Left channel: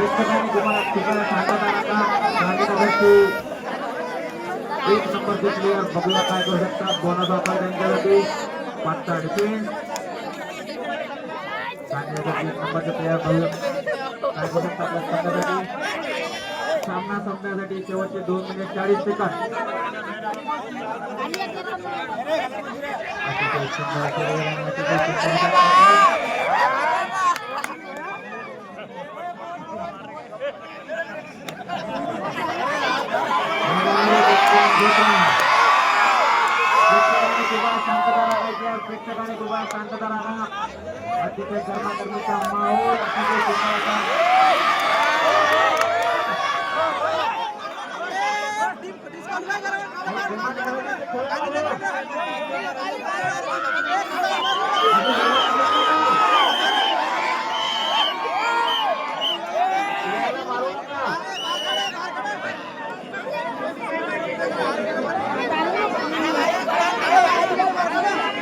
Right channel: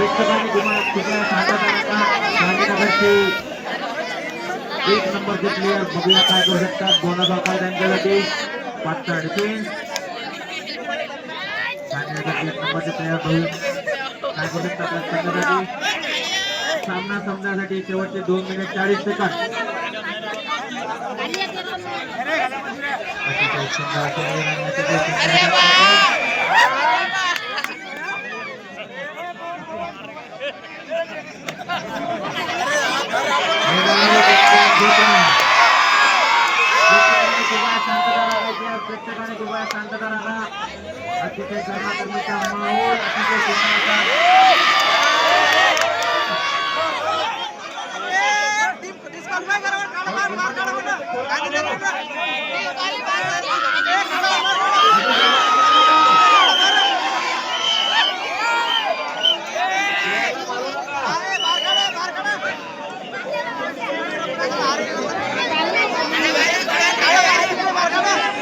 कृपया शांतता राखा. गांधीनगरचे 1 नंबरचे प्लेयर बघूया काय करू शकतात. 2000 रुपये त्यांच्यासाठी पाचचा डिफेन्स. गांधीनगरचे 1 नंबरचे प्लेयर बघून काय करू शकतात संघासाठी. सामना संपण्यासाठी शेवटचे 2 मिनिट 40 सेकंद. अतिशय सुंदर खेळ आणि अतिशय सुंदर शांतता राखायची. प्रेक्षकांनी कृपया शांतता राखा. अतिशय गरमागरमीचा माहोल अतिशय सुंदर असा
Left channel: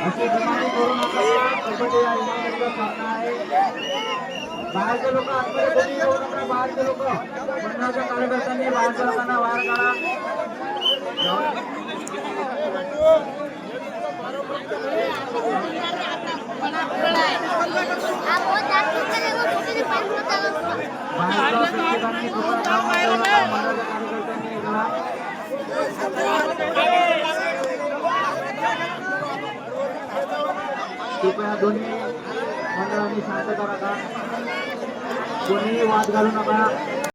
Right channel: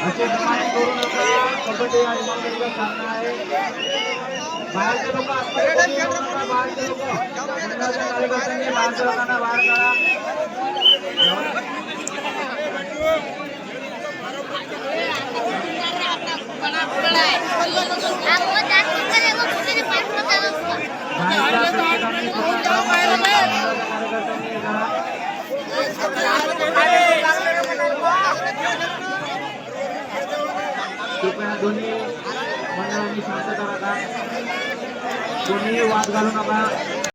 असे धमाल करू नका. कबड्डी हा इमानदारीचा सामना आहे. बाहेरचे लोक बाहेरचे लोक मंडळाच्या कार्यकर्त्यांनी बाहेरच्या लोकांना बाहेर काढा. बाहेरच्या प्रेक्षकांनी कृपया मंडळाच्या कार्यकर्त्यांनी करा. कृपया दोन्ही मंडळांनी शांतता राखा. कोणीही वाद घालू नका.